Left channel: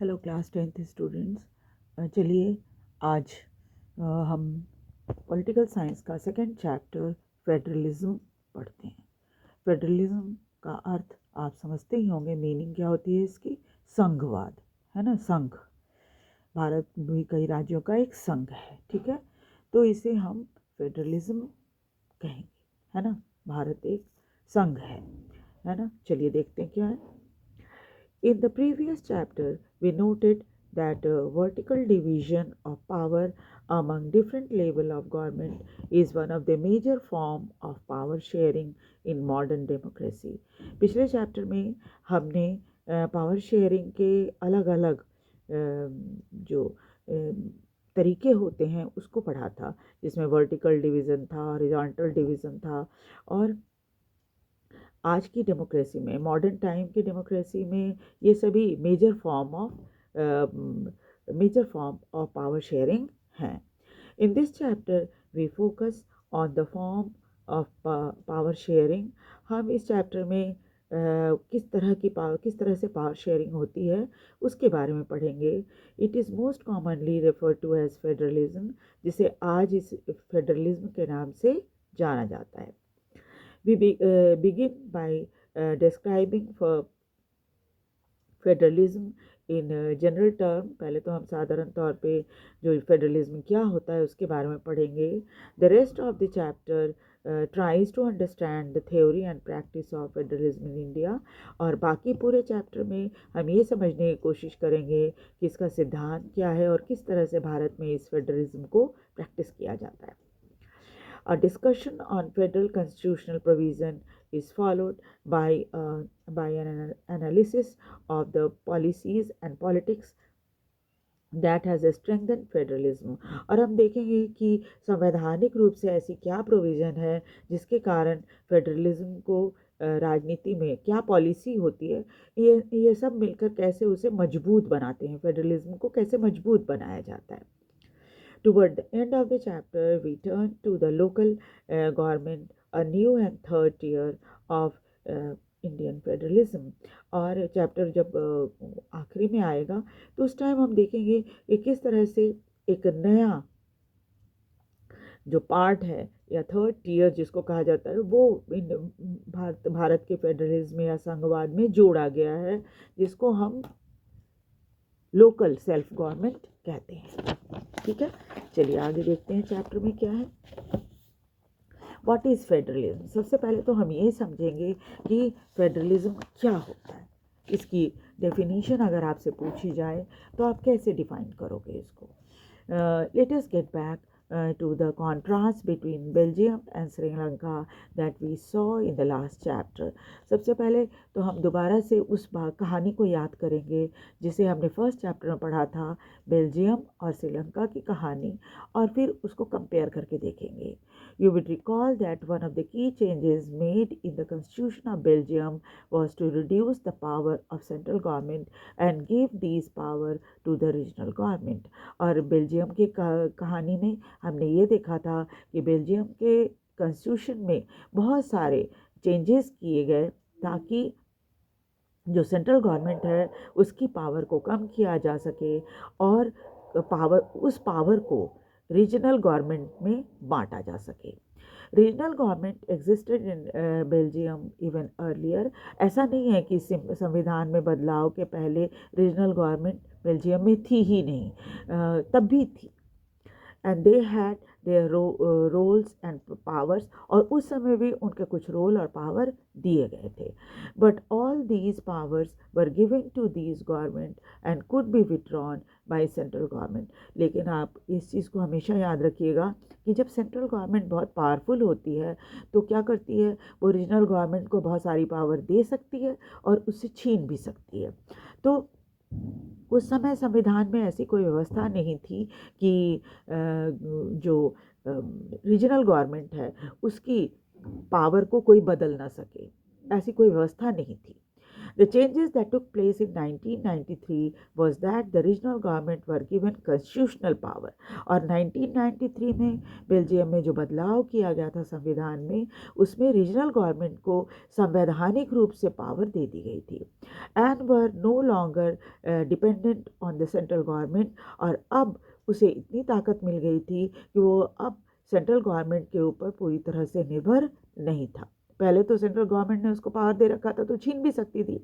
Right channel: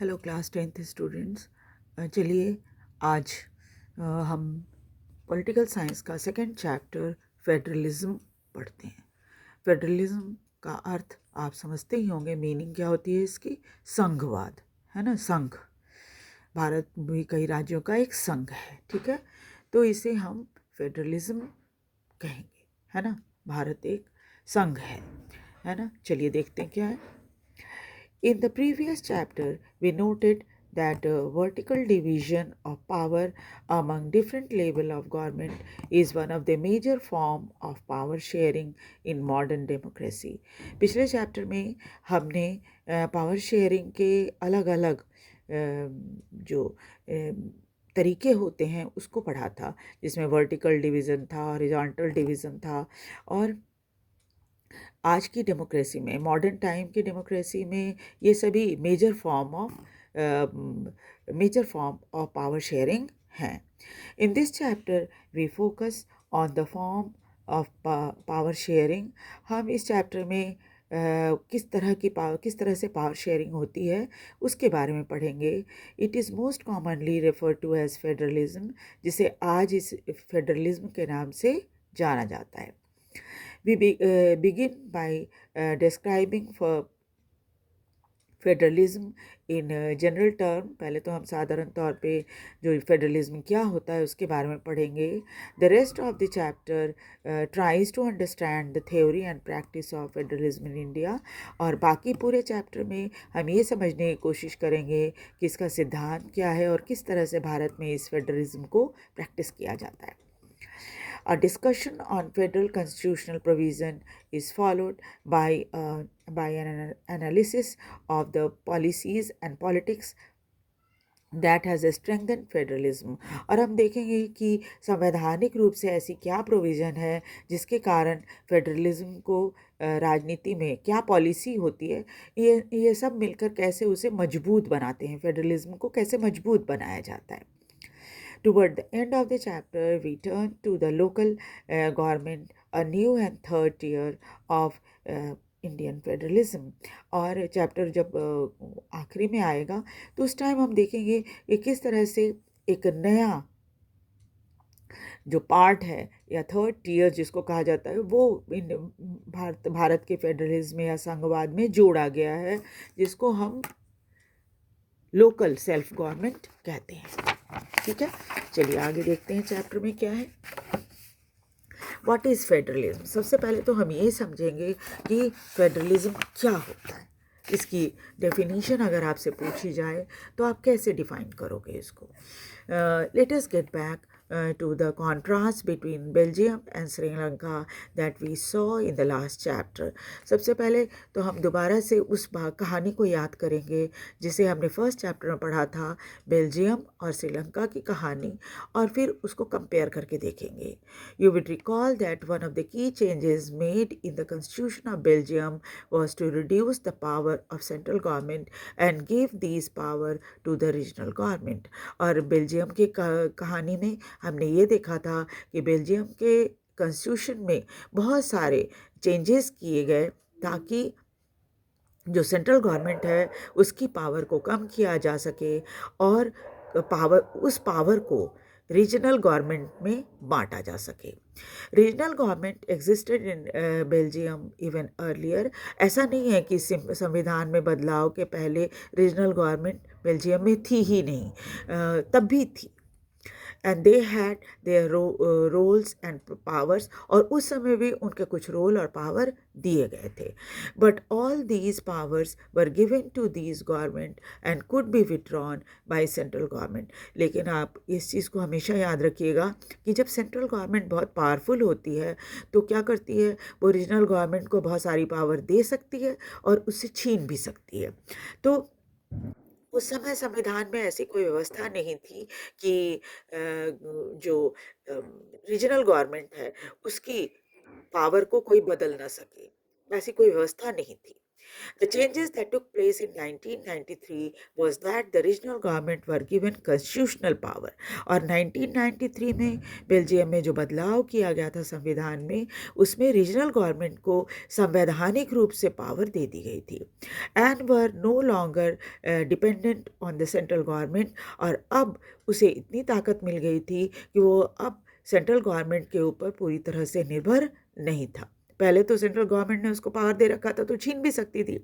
Hello class 10th students. चलिए आज हम पॉलिटिकल साइंस का सेकंड चैप्टर फेडरलिज्म पढ़ते हैं। फेडरलिज्म का अर्थ आप समझते ही होंगे, मीनिंग क्या होती है इसकी? संघवाद, है ना। संघ, भारत भी कई राज्यों का एक संघ है, ठीक है। तो इसे हम फेडरलिज्म कहेंगे, है ना। भारत एक संघ है ना। चलिए देखते हैं क्या है। In the previous chapter, we noted that vertical division of power among different level of government is one of the major form of power sharing in modern democracy. पिछले चैप्टर में हमने पावर शेयरिंग के अलग अलग जो तरीके होते हैं उसको पढ़ा था, जिसमें वर्टिकल डिवीज़न था, हॉरिजॉन्टल डिवीज़न था। और आज की डेमोक्रेसी में, मॉडर्न टाइम की डेमोक्रेसी में, ये सभी major form of power sharing हैं। In this chapter we focus on the form of power sharing. हम इस चैप्टर में किस तरह से पावर शेयरिंग होती है उसके बारे में पढ़ेंगे। It is most commonly refer to as federalism, जिसे आज इस फेडरलिज्म के नाम से जाना जाता है। We begin by describing for federalism in general term. पहले तो हम साधारण तौर पे जो फेडरलिज्म क्या होता है उसके बारे में पढ़ेंगे। The rest of the chapter tries to understand the theory and practice of federalism in India. और बाकी पूरे चैप्टर में हम ये समझने की कोशिश करेंगे कि इसका सिद्धांत क्या है और किस तरह से भारत में इस फेडरलिज्म को प्रैक्टिस किया जाता है। A discussion on federal constitutional provision is followed by an analysis of the policies and politics that has strengthen federalism. और हम देखेंगे कि संवैधानिक रूप से ऐसी क्या प्रोविज़न है जिसके कारण फेडरलिज्म को राजनीति में क्या पॉलिसी होती है, ये सब मिलकर कैसे उसे मजबूत बनाते हैं, फेडरलिज्म को कैसे मजबूत बनाया जाता है। Toward the end of the chapter, we turn to the local government, a new and third tier of Indian federalism. और चैप्टर जब आखिरी में आएगा तो उस टाइम हम देखेंगे कि किस तरह से एक नया जो पार्ट है या थर्ड टियर जिसको कहा जाता है वो भारत के फेडरलिज्म या संघवाद में जोड़ा गया है, जिसको हम लोकल सेल्फ गवर्नमेंट कहते हैं, ठीक है। चलिए आगे देखते हैं चैप्टर में क्या है। What is federalism? सबसे पहले तो हम ये समझेंगे कि फेडरलिज्म क्या होता है। इसकी डेफिनेशन अगर आपसे पूछी जाए तो आप कैसे डिफाइन करोगे इसको? Let us get back to the contrast between Belgium and Sri Lanka that we saw in the last chapter. सबसे पहले तो हम दोबारा से उस कहानी को याद करेंगे जिसे हमने फर्स्ट चैप्टर में पढ़ा था, बेल्जियम और श्रीलंका की कहानी, और फिर उसको कंपेयर करके देखेंगे। You would recall that one of the key changes made in the constitution of Belgium was to reduce the power of central government and give these power to the regional government. और Belgium की कहानी में हमने ये देखा था कि Belgium के कॉन्स्टिट्यूशन में बहुत सारे चेंजेस किए गए ताकि जो सेंट्रल गवर्नमेंट है उसकी पावर को कम किया जा सके और उस पावर को रीजनल गवर्नमेंट में बांटा जा सके। Regional government existed in Belgium even earlier. ऐसा नहीं है कि संविधान में बदलाव के पहले रीजनल गवर्नमेंट बेल्जियम में थी ही नहीं, तब भी थी। And they had their roles and powers, और उस समय भी उनके कुछ रोल और पावर दिए गए थे। But all these powers were given to these government and could be withdrawn by central government. लेकिन आप इस चीज़ को हमेशा याद रखिएगा कि जब सेंट्रल गवर्नमेंट बहुत पावरफुल होती है तो क्या करती है, वो रीजनल गवर्नमेंट को बहुत सारी पावर दे सकती है और उससे छीन भी सकती है। तो उस समय संविधान में ऐसी कोई व्यवस्था नहीं थी कि जो रीजनल गवर्नमेंट है उसकी पावर को कोई बदल ना सके, ऐसी कोई व्यवस्था नहीं थी। The changes that took place in 1993 was that the regional government were given constitutional power. और 1993 में बेल्जियम में जो बदलाव किया गया था संविधान में, उसमें रीजनल गवर्नमेंट को संवैधानिक रूप से पावर दे दी गई थी and were no longer dependent on the central government. और अब उसे इतनी ताकत मिल गई थी कि वो अब सेंट्रल गवर्नमेंट के ऊपर पूरी तरह से निर्भर नहीं था। पहले तो सेंट्रल गवर्नमेंट ने उसको पावर दे रखा था तो छीन भी सकती थी,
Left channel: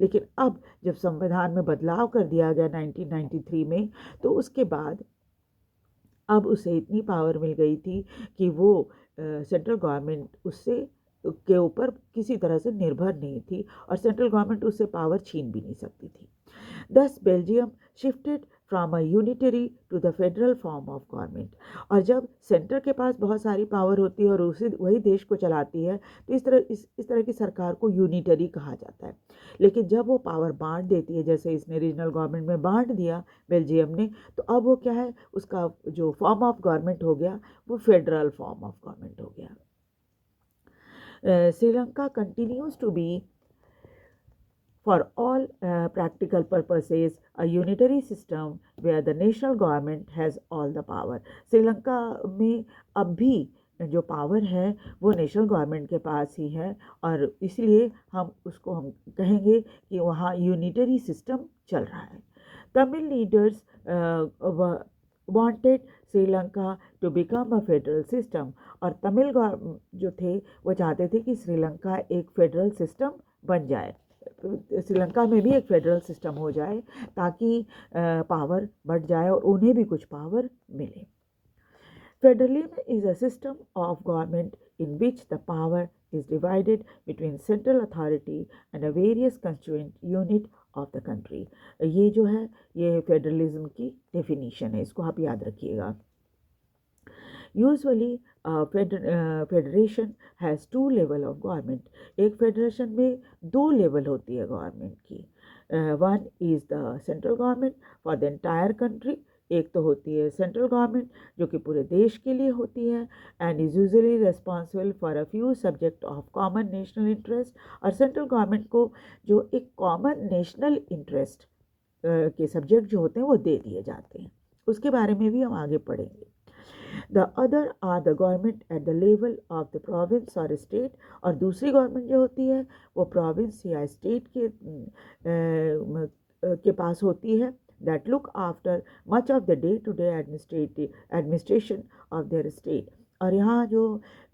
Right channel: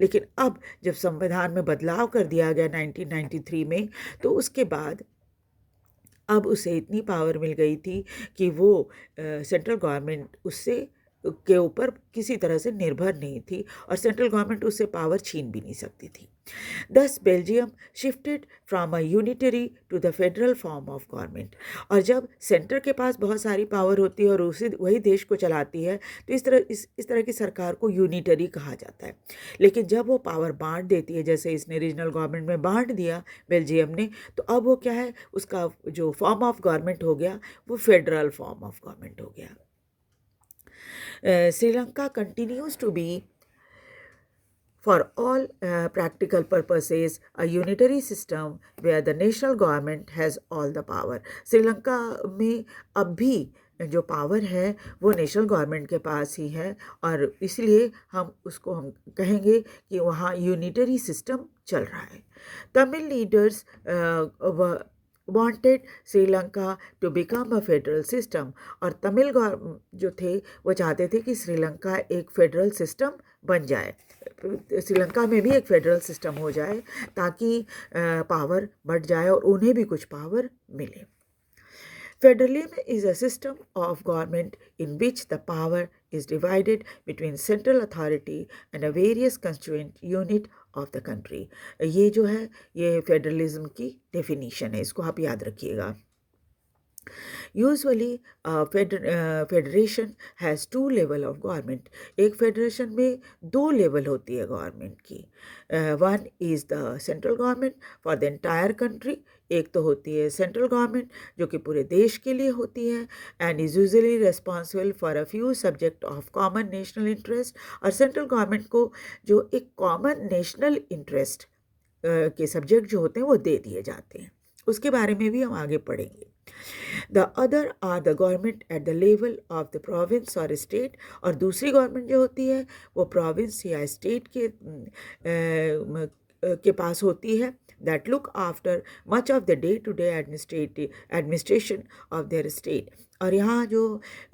लेकिन अब जब संविधान में बदलाव कर दिया गया 1993 में, तो उसके बाद अब उसे इतनी पावर मिल गई थी कि वो सेंट्रल गवर्नमेंट उससे के ऊपर किसी तरह से निर्भर नहीं थी और सेंट्रल गवर्नमेंट उससे पावर छीन भी नहीं सकती थी। Thus Belgium shifted from a unitary to the federal form of government। और जब सेंटर के पास बहुत सारी पावर होती है और उसी वही देश को चलाती है, तो इस तरह की सरकार को यूनिटरी कहा जाता है। लेकिन जब वो पावर बांट देती है, जैसे इसने रीजनल गवर्नमेंट में बांट दिया बेल्जियम ने, तो अब वो क्या है, उसका जो फॉर्म ऑफ गवर्नमेंट हो गया वो फेडरल फॉर्म ऑफ गवर्नमेंट हो गया। Sri Lanka continues to be, for all practical purposes, a unitary system where the national government has all the power। Sri Lanka में अब भी जो पावर है वो नेशनल गवर्नमेंट के पास ही है और इसलिए हम कहेंगे कि वहाँ यूनिटरी सिस्टम चल रहा है। Tamil leaders wanted Sri Lanka to become a federal system. और तमिल जो थे वो चाहते थे कि श्रीलंका एक फेडरल सिस्टम बन जाए, श्रीलंका में भी एक फेडरल सिस्टम हो जाए ताकि पावर बढ़ जाए और उन्हें भी कुछ पावर मिले। Federalism is a system of government in which the power is divided between central authority and a various constituent unit of the country। ये जो है ये फेडरलिज्म की डेफिनेशन है, इसको आप याद रखिएगा। Usually federation has 2 level of government. एक फेडरेशन में 2 लेवल होती है गवर्नमेंट की। One is the central government for the entire country. एक तो होती है सेंट्रल गवर्नमेंट जो कि पूरे देश के लिए होती है and is usually responsible for a few subject of common national interest. और सेंट्रल गवर्नमेंट को जो एक कॉमन नेशनल इंटरेस्ट के सब्जेक्ट जो होते हैं वो दे दिए जाते हैं, उसके बारे में भी हम आगे पढ़ेंगे। The other are the government at the level of the province or state। और दूसरी गवर्नमेंट जो होती है वो प्रोविंस या स्टेट के पास होती है, that look after much of the day-to-day administration of their state। और यहाँ जो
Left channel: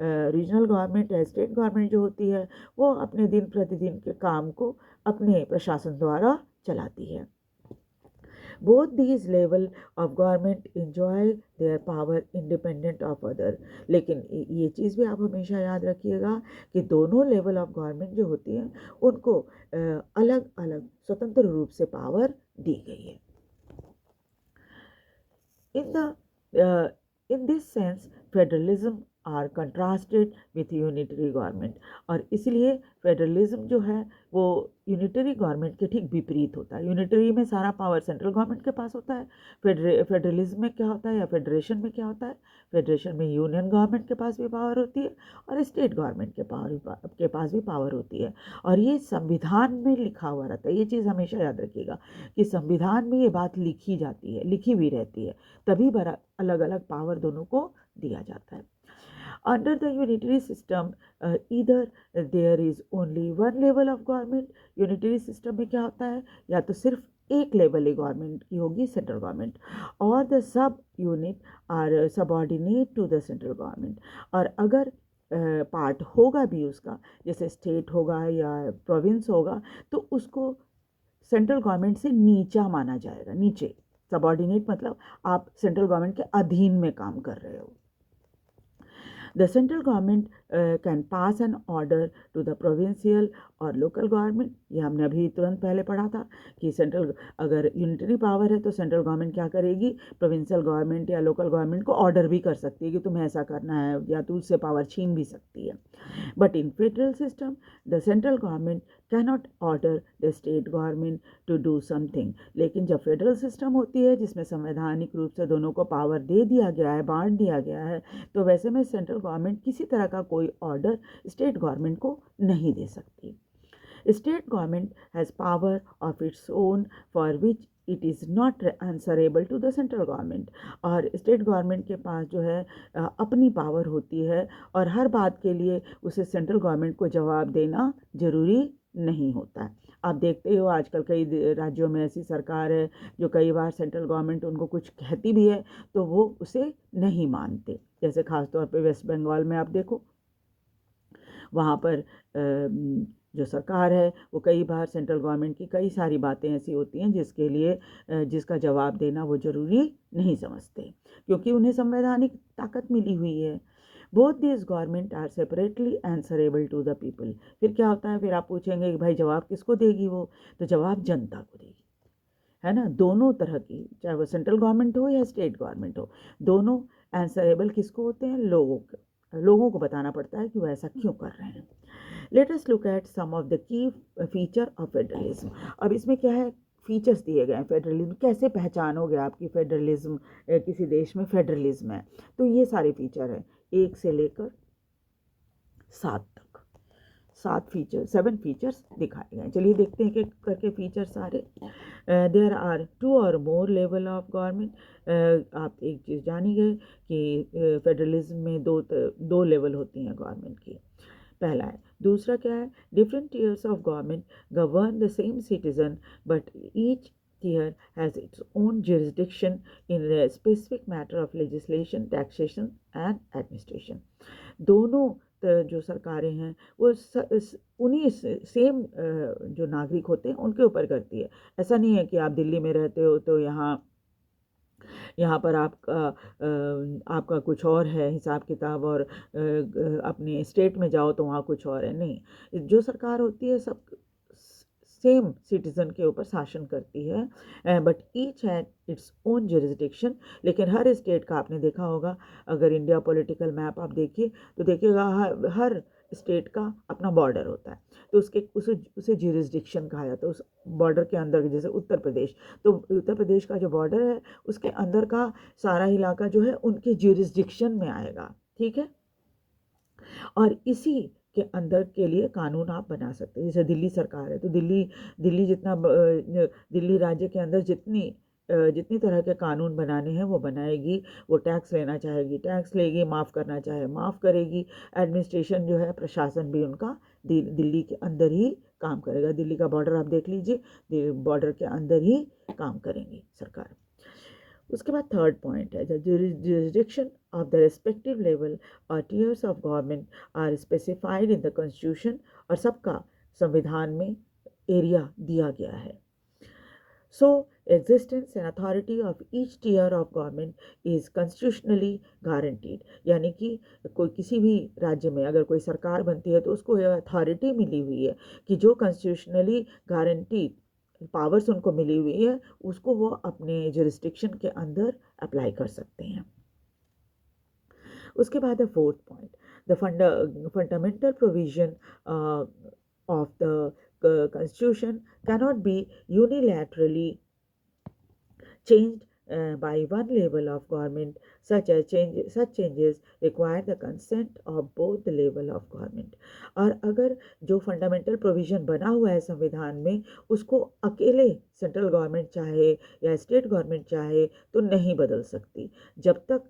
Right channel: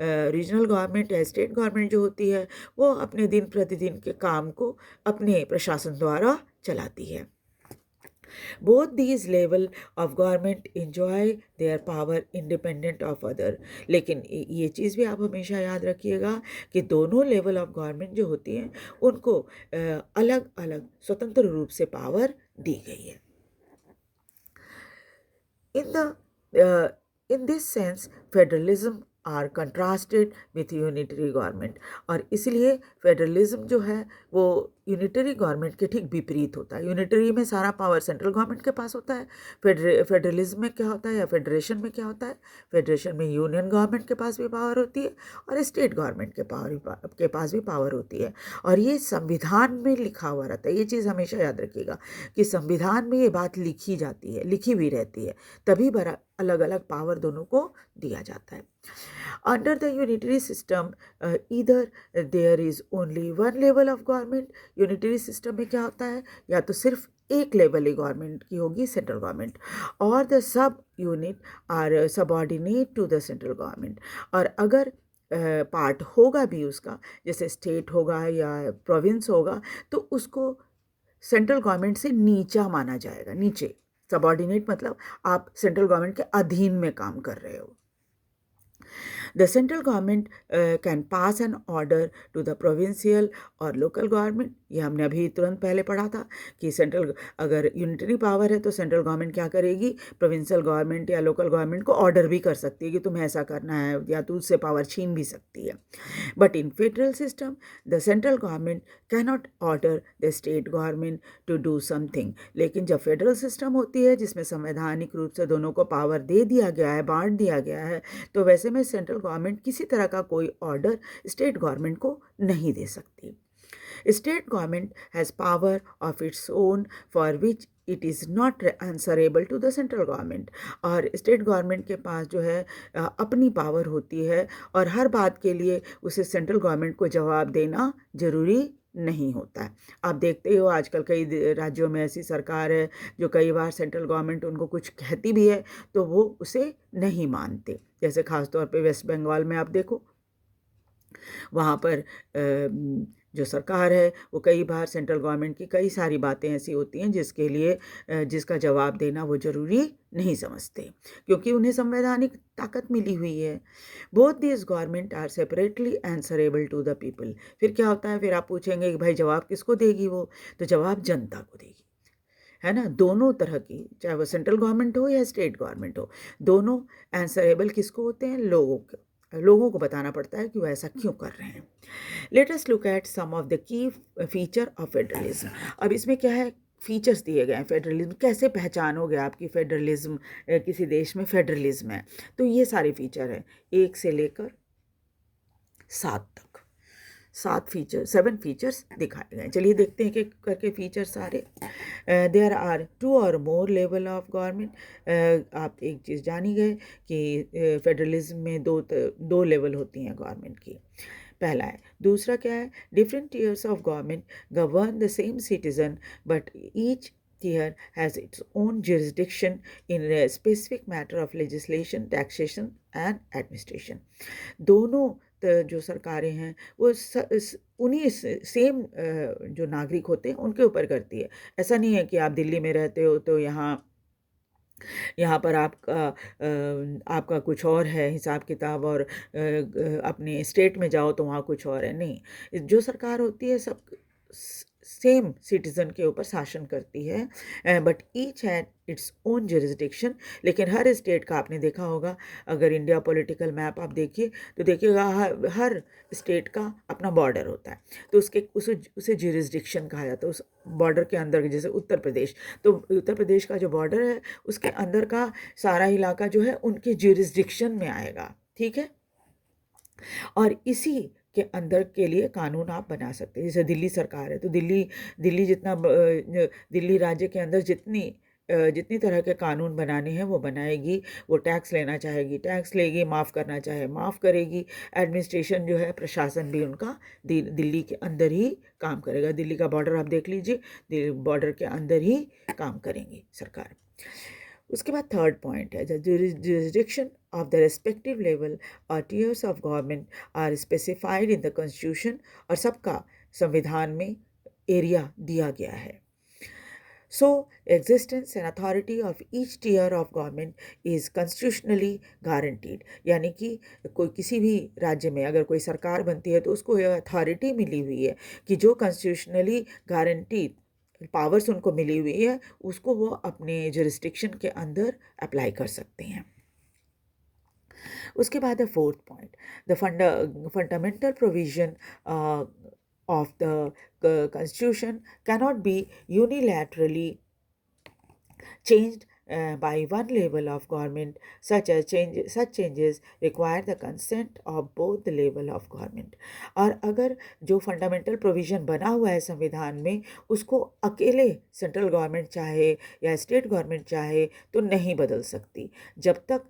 रीजनल गवर्नमेंट या स्टेट गवर्नमेंट जो होती है वो अपने दिन प्रतिदिन के काम को अपने प्रशासन द्वारा चलाती है। Both these level of government enjoy their power independent of other। लेकिन ये चीज़ भी आप हमेशा याद रखिएगा कि दोनों लेवल ऑफ गवर्नमेंट जो होती हैं उनको अलग अलग स्वतंत्र रूप से पावर दी गई है। In this sense federalism are contrasted with unitary government. और इसलिए फेडरलिज्म जो है वो यूनिटरी गवर्नमेंट के ठीक विपरीत होता है। यूनिटरी में सारा पावर सेंट्रल गवर्नमेंट के पास होता है, फेडरलिज्म में क्या होता है या फेडरेशन में क्या होता है, फेडरेशन में यूनियन गवर्नमेंट के पास भी पावर होती है और स्टेट गवर्नमेंट के पास भी पावर होती है। और ये संविधान में लिखा हुआ रहता है, ये चीज़ हमेशा याद रखिएगा कि संविधान में ये बात लिखी जाती है, लिखी भी रहती है, तभी अलग अलग पावर दोनों को दिया जाता है। Under the unitary system, either there is only one level of government। unitary system में क्या होता है, या तो सिर्फ एक लेवल ही गवर्नमेंट की होगी सेंट्रल गवर्नमेंट, और the sub unit are subordinate to the central government. और अगर पार्ट होगा भी उसका, जैसे स्टेट होगा या प्रोविंस होगा, तो उसको सेंट्रल गवर्नमेंट से नीचा माना जाएगा, नीचे। सबऑर्डिनेट मतलब आप सेंट्रल गवर्नमेंट के अधीन में काम कर रहे हो। The central government can pass an order to the provincial और लोकल गवर्नमेंट। ये हमने अभी तुरंत पहले पढ़ा था कि सेंट्रल अगर यूनिटरी पावर है तो सेंट्रल गवर्नमेंट क्या करेगी, प्रोविंशियल गवर्नमेंट या लोकल गवर्नमेंट को ऑर्डर भी कर सकती है कि तुम्हें ऐसा करना है, या तो उससे पावर छीन भी सकती है। But in federal system the central government cannot order the state government to do something. लेकिन जब फेडरल सिस्टम होती है जिसमें संवैधानिक रूप से दोनों को पावर दे दिया गया है, बांट दिया गया है, तो वैसे में सेंट्रल गवर्नमेंट किसी तरह का कोई ऑर्डर स्टेट गवर्नमेंट को नहीं दे सकती। State government has power of its own for which it is not answerable to the central government. और स्टेट गवर्नमेंट के पास जो है अपनी पावर होती है और हर बात के लिए उसे सेंट्रल गवर्नमेंट को जवाब देना ज़रूरी नहीं होता है। आप देखते हो आजकल कई राज्यों में ऐसी सरकार है जो कई बार सेंट्रल गवर्नमेंट उनको कुछ कहती भी है तो वो उसे नहीं मानते। जैसे ख़ास तौर पे वेस्ट बंगाल में आप देखो, वहाँ पर जो सरकार है वो कई बार सेंट्रल गवर्नमेंट की कई सारी बातें ऐसी होती हैं जिसके लिए जिसका जवाब देना वो ज़रूरी नहीं समझते, क्योंकि उन्हें संवैधानिक ताकत मिली हुई है। Both this government are separately answerable to the people. फिर क्या होता है, फिर आप पूछेंगे कि भाई जवाब किसको देगी वो, तो जवाब जनता को देगी, है ना। दोनों तरह की, चाहे वो सेंट्रल गवर्नमेंट हो या स्टेट गवर्नमेंट हो, दोनों आंसरेबल किसको होते हैं, लोगों को बताना पड़ता है कि वो ऐसा क्यों कर रहे हैं। Let us look at some of the key feature of federalism. अब इसमें क्या है, फीचर्स दिए गए हैं फेडरलिज्म, कैसे पहचानोगे आपकी फेडरलिज्म, किसी देश में फेडरलिज्म है। तो ये सारे फीचर हैं 1 से लेकर 7 तक, 7 फीचर्स दिखाए गए। चलिए देखते हैं कि करके फीचर सारे। देयर आर 2 और मोर लेवल ऑफ गवर्नमेंट। आप एक चीज़ जान ही गए कि फेडरलिज्म में दो लेवल होती हैं गवर्नमेंट की, पहला है। दूसरा क्या है, different tears of government govern the same citizen but each tier has its own jurisdiction in a specific matter of legislation, taxation and administration. दोनों जो सरकारें हैं वो उन्हीं सेम जो नागरिक होते हैं उनके ऊपर करती है। ऐसा नहीं है कि आप दिल्ली में रहते हो तो यहाँ पर आपका कुछ और है हिसाब किताब और अपने स्टेट में जाओ तो वहाँ कुछ और है, नहीं। जो सरकार होती है सब सेम सिटीज़न के ऊपर शासन करती है, but each had its own jurisdiction. लेकिन हर स्टेट का आपने देखा होगा, अगर इंडिया पॉलिटिकल मैप आप देखिए तो देखिएगा हर स्टेट का अपना बॉर्डर होता है, तो उसे जुरिस्डिक्शन कहा जाता है। उस बॉर्डर के अंदर, जैसे उत्तर प्रदेश, तो उत्तर प्रदेश का जो बॉर्डर है उसके अंदर का सारा इलाका जो है उनके जुरिस्डिक्शन में आएगा, ठीक है। और इसी के अंदर के लिए कानून आप बना सकते हैं। जैसे दिल्ली सरकार है तो दिल्ली राज्य के अंदर जितनी तरह के कानून बनाने हैं वो बनाएगी। वो टैक्स लेना चाहेगी टैक्स लेगी, माफ़ करना चाहे माफ़ करेगी। एडमिनिस्ट्रेशन जो है, प्रशासन भी उनका दिल्ली के अंदर ही काम करेगा। दिल्ली का बॉर्डर आप देख लीजिए, बॉर्डर के अंदर ही काम करेंगी सरकार। उसके बाद थर्ड पॉइंट है, the jurisdiction of the respective level और tiers of government are specified in the constitution. और सबका संविधान में एरिया दिया गया है। So existence and authority of each tier of government is constitutionally guaranteed. यानी कि कोई किसी भी राज्य में अगर कोई सरकार बनती है तो उसको यह अथॉरिटी मिली हुई है कि जो कॉन्स्टिट्यूशनली गारंटीड पावर्स उनको मिली हुई है उसको वो अपने जुरिस्डिक्शन के अंदर अप्लाई कर सकते हैं। उसके बाद है fourth point, the fundamental provision of the constitution cannot be unilaterally changed by one level of government. Such changes require the consent of both the level of government. और अगर जो फंडामेंटल प्रोविज़न बना हुआ है संविधान में उसको अकेले सेंट्रल गवर्नमेंट चाहे या स्टेट गवर्नमेंट चाहे तो नहीं बदल सकती, जब तक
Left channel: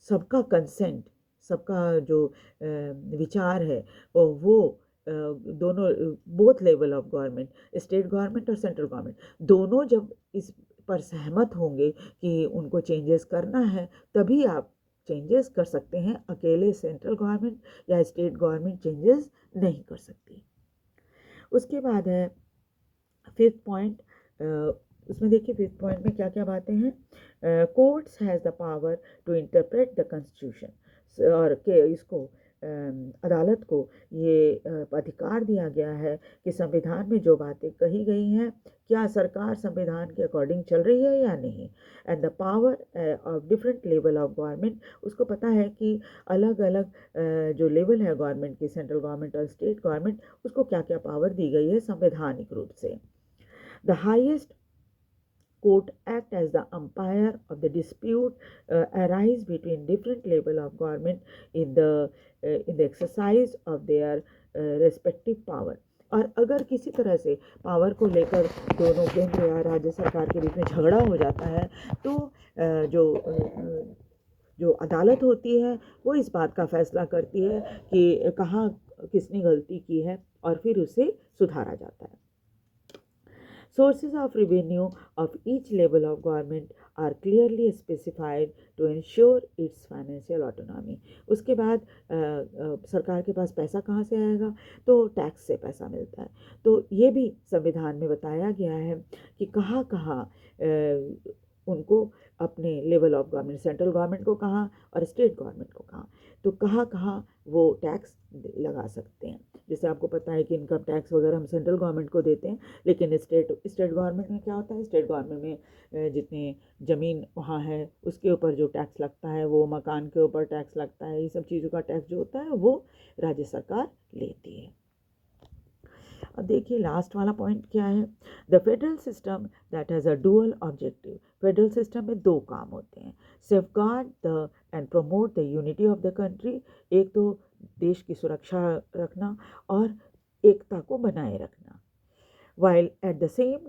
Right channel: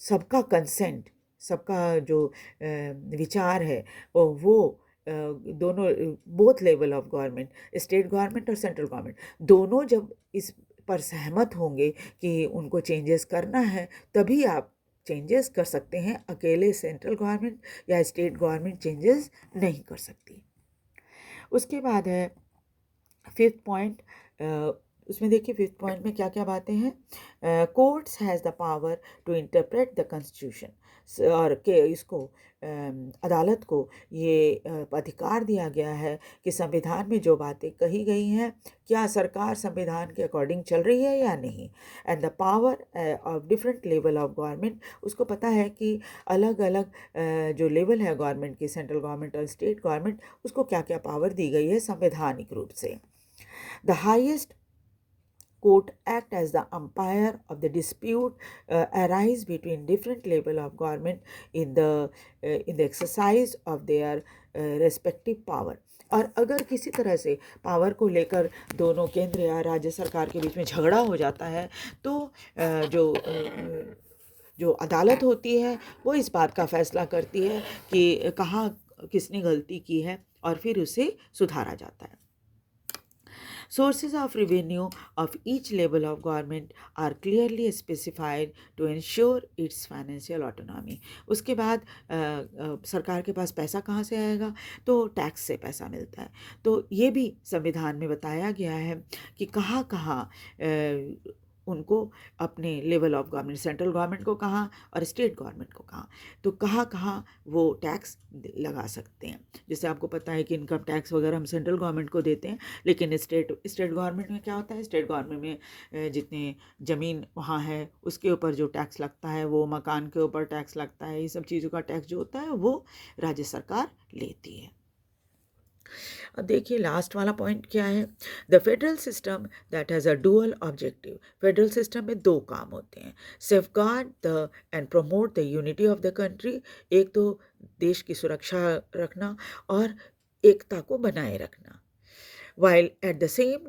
सबका कंसेंट, सबका जो विचार है वो दोनों, both level of government, state government और सेंट्रल गवर्नमेंट, दोनों जब इस पर सहमत होंगे कि उनको चेंजेस करना है तभी आप चेंजेस कर सकते हैं। अकेले सेंट्रल गवर्नमेंट या स्टेट गवर्नमेंट चेंजेस नहीं कर सकती। उसके बाद है फिफ्थ पॉइंट। उसमें देखिए फिफ्थ पॉइंट में क्या क्या बातें हैं। Courts has the power to interpret the constitution. और के इसको अदालत को ये अधिकार दिया गया है कि संविधान में जो बातें कही गई हैं क्या सरकार संविधान के अकॉर्डिंग चल रही है या नहीं। And the power of different level of government, उसको पता है कि अलग अलग जो लेवल है गवर्नमेंट की, सेंट्रल गवर्नमेंट और स्टेट गवर्नमेंट, उसको क्या क्या पावर दी गई है संवैधानिक रूप से। The highest court act as the umpire of the dispute arise between different level of government in the exercise of their respective power. और अगर किसी तरह से पावर को लेकर दोनों केंद्र या राज्य सरकार के बीच में झगड़ा हो जाता है, तो जो अदालत होती है वो इस बात का फैसला करती है कि कहाँ किसने गलती की है, और फिर उसे सुधारा जाता है। Sources of revenue of each level of government are clearly specified to ensure its financial autonomy. उसके बाद सरकार के पास पैसा कहाँ से आएगा, तो टैक्स से पैसा मिलता है। तो ये भी संविधान में बताया गया है कि कहाँ कहाँ उनको अपने level of government, central government को कहाँ और स्टेट गवर्नमेंट को कहाँ, तो कहाँ कहाँ वो टैक्स लगा सकते हैं। जैसे आपको पता है कि इनकम टैक्स वगैरह हम सेंट्रल गवर्नमेंट को देते हैं, लेकिन स्टेट गवर्नमेंट में क्या होता है, स्टेट गवर्नमेंट में जितने ज़मीन वहाँ है उसके ऊपर जो टैक्स लगता है, वो मकान के ऊपर टैक्स लगता है, ये सब चीज़ों का टैक्स जो होता है वो राज्य सरकार लेती है। अब देखिए लास्ट वाला पॉइंट क्या है, the federal system that has a dual objective. Federal system में दो काम होते हैं, safeguard the end promote the unity of the country, एक तो देश की सुरक्षा रखना और एकता को बनाए रखना, while at the same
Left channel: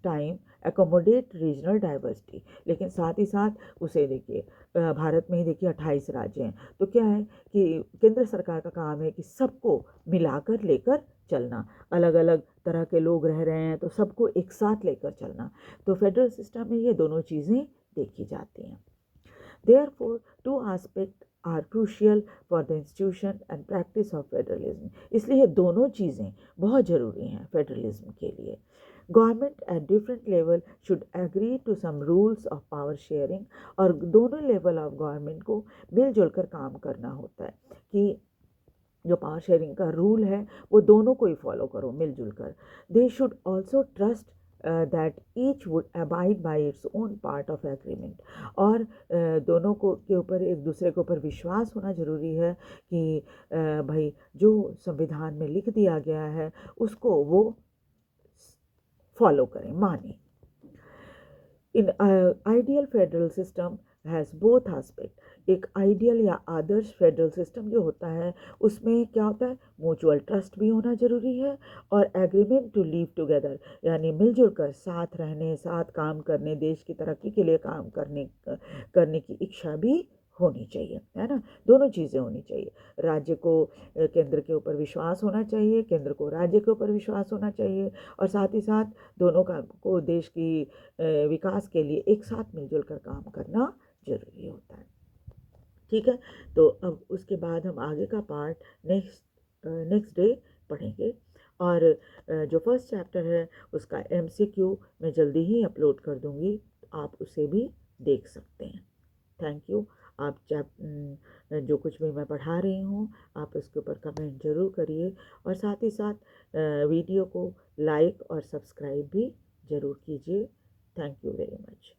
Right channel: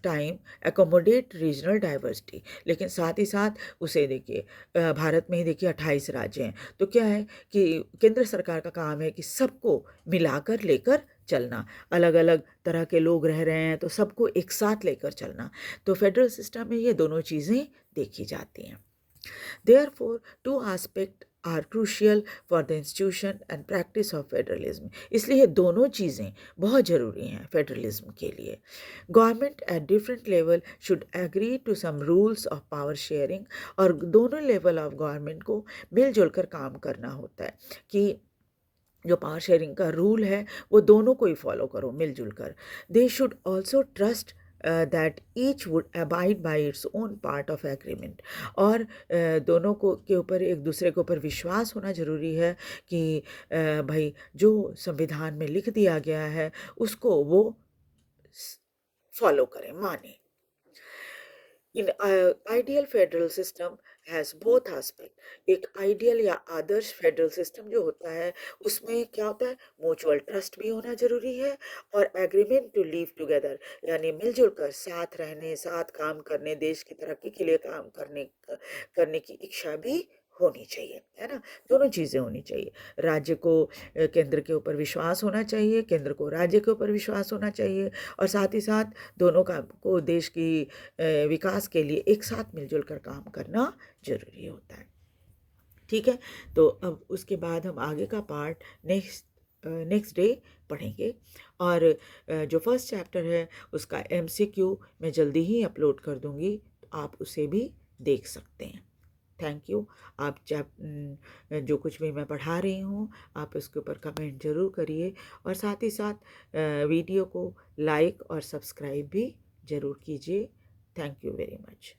time accommodate regional diversity। लेकिन साथ ही साथ उसे देखिए भारत में ही देखिए 28 राज्य हैं, तो क्या है कि केंद्र सरकार का काम है कि सबको मिलाकर लेकर चलना, अलग अलग तरह के लोग रह रहे हैं तो सबको एक साथ लेकर चलना। तो फेडरल सिस्टम में ये दोनों चीज़ें देखी जाती हैं। Therefore, two aspects are crucial for the institution and practice of federalism। इसलिए दोनों चीज़ें बहुत ज़रूरी हैं फेडरलिज्म के लिए। Government at different level should agree to some rules of power sharing, और दोनों लेवल ऑफ गवर्नमेंट को मिलजुल कर काम करना होता है कि जो पावर शेयरिंग का रूल है वो दोनों को ही फॉलो करो मिलजुल कर। They should also trust that each would abide by its own part of agreement, और दोनों को के ऊपर एक दूसरे के ऊपर विश्वास होना ज़रूरी है कि भाई जो संविधान में लिख दिया गया है उसको वो फॉलो करें, माने। In ideal federal system has both aspect. एक आइडियल या आदर्श फेडरल सिस्टम जो होता है उसमें क्या होता है, म्यूचुअल ट्रस्ट भी होना ज़रूरी है और एग्रीमेंट टू लिव टुगेदर, यानी मिलजुल कर साथ रहने, साथ काम करने, देश की तरक्की के लिए काम करने की इच्छा भी होनी चाहिए, है ना। दोनों चीज़ें होनी चाहिए, राज्य को केंद्र के ऊपर विश्वास होना चाहिए, केंद्र को राज्य के ऊपर विश्वास होना चाहिए, और साथ ही साथ दोनों का को देश की विकास के लिए एक साथ मिलजुल कर काम करना ज़रूरी होता है। ठीक है, तो अब उसके बाद हम आगे का पार्ट नेक्स्ट डे पढ़ेंगे, और जो फर्स्ट चैप्टर है उसका MCQ मैं जल्दी ही अपलोड कर दूँगी, तो आप उसे भी देख सकते हैं। Thank you. आप जो कुछ भी मैं पढ़ा रही हूँ आप उसके ऊपर कमेंट ज़रूर करिए, और साथ ही साथ वीडियो को लाइक और सब्सक्राइब भी ज़रूर कीजिए। Thank you very much.